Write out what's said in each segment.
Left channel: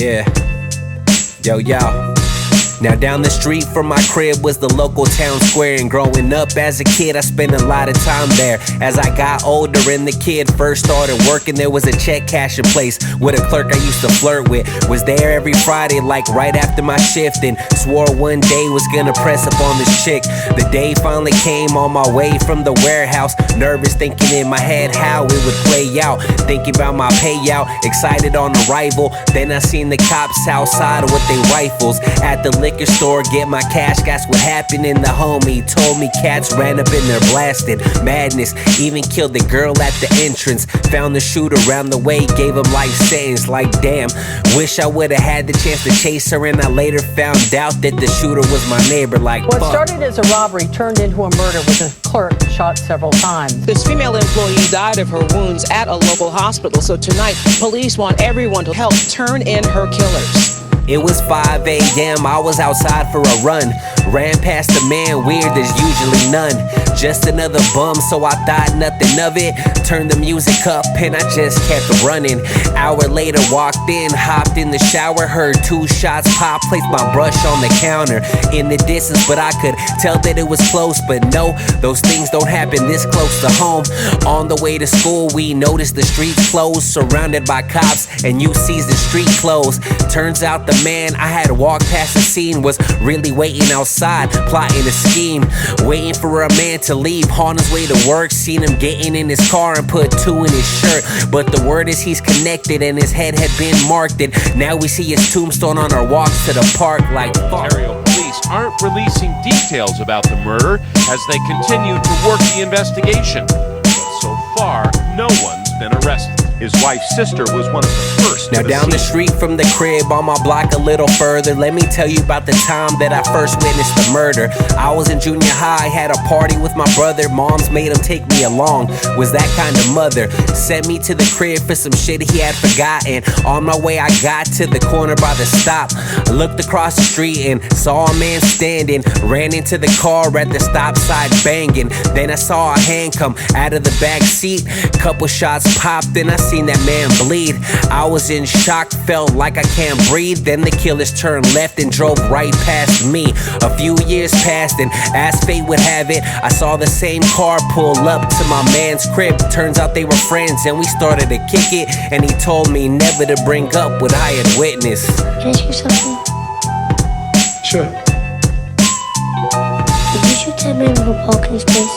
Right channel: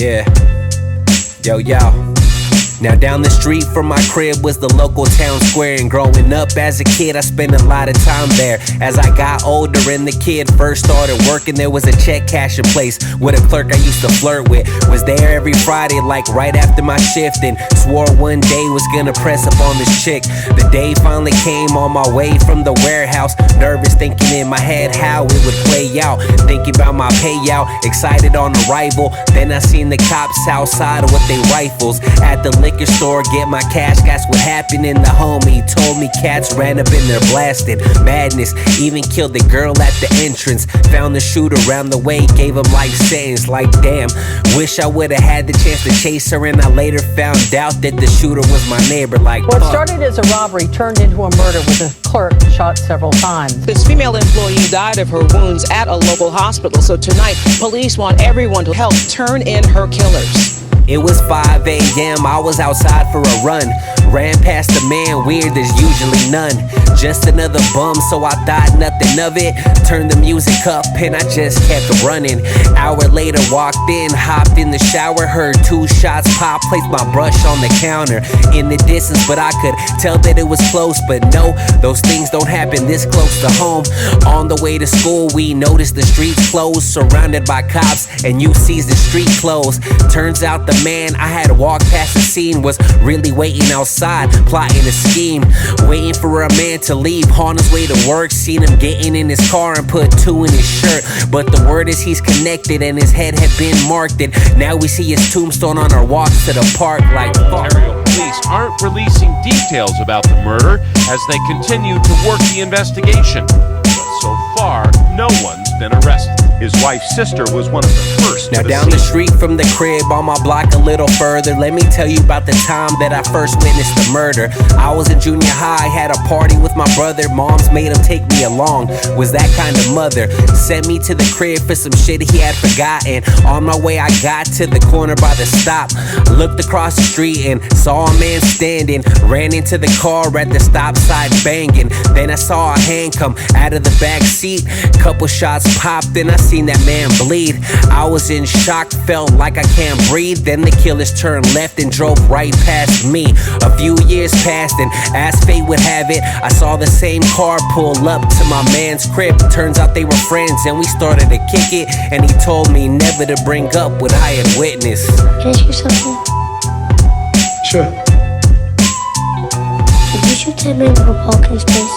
Yeah. Yo, yo. Now down the street from my crib was the local town square, and growing up as a kid I spent a lot of time there. As I got older and the kid first started working, there was a check cashing place with a clerk I used to flirt with. Was there every Friday like right after my shift, and swore one day was gonna press up on this chick. The day finally came on my way from the warehouse, nervous thinking in my head how it would play out, thinking about my payout, excited on arrival. Then I seen the cops outside with their rifles at the liquor store, get my cash. That's what happened, and the homie told me cats ran up in there blasted. Madness, even killed the girl at the entrance. Found the shooter around the way, gave him life sentence. Like damn, wish I would've had the chance to chase her, and I later found out that the shooter was my neighbor. Like what started as a robbery turned into a murder with a clerk shot several times. This female employee died of her wounds at a local hospital, so tonight police want everyone to help turn in her killers. It was 5 a.m., I was outside for a run. Ran past a man weird, there's usually none. Just another bum, so I thought nothing of it. Turned the music up and I just kept running. Hour later, walked in, hopped in the shower, heard 2 shots pop, placed my brush on the counter. In the distance, but I could tell that it was close. But no, those things don't happen this close to home. On the way to school, we noticed the streets closed, surrounded by cops, and you sees the street closed. Turns out the man I had walked past the scene was really waiting outside, plotting a scheme, waiting for a man to leave on his way to work. Seen him getting in his car and put 2 in his shirt, but the word is he's connected and his head had been marked, and now we see his tombstone on our walks to the park. Like Ontario police aren't releasing details about the murder as they continue to work the investigation, but so far no one's been arrested. His wife's sister was one of the first. Now down the street from the crib on my block a little further, let me tell you about the time that I first witnessed the murder. I was in junior high, had a party with my brother. Moms made him take me along, was that kind of mother. Sent me to the crib for some shit he had forgotten. On my way I got to the corner by the stop, looked across the street and saw a man standing. Ran into the car at the stop sign banging. Then I saw a hand come out of the back seat, couple shots popped and I seen that man bleed. I was in shock, felt like I can't breathe. Then the killers turned left and drove right past me. A few years passed and as fate would have it, I saw the same car pull up to my man's crib. Turns out they were friends and we started to kick it, and he told me never to bring up what I had witnessed. Can I ask you something? Sure. Did you shoot that man with a parking space?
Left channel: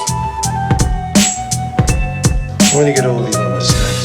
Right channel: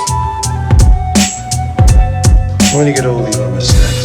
When you get old, you don't understand.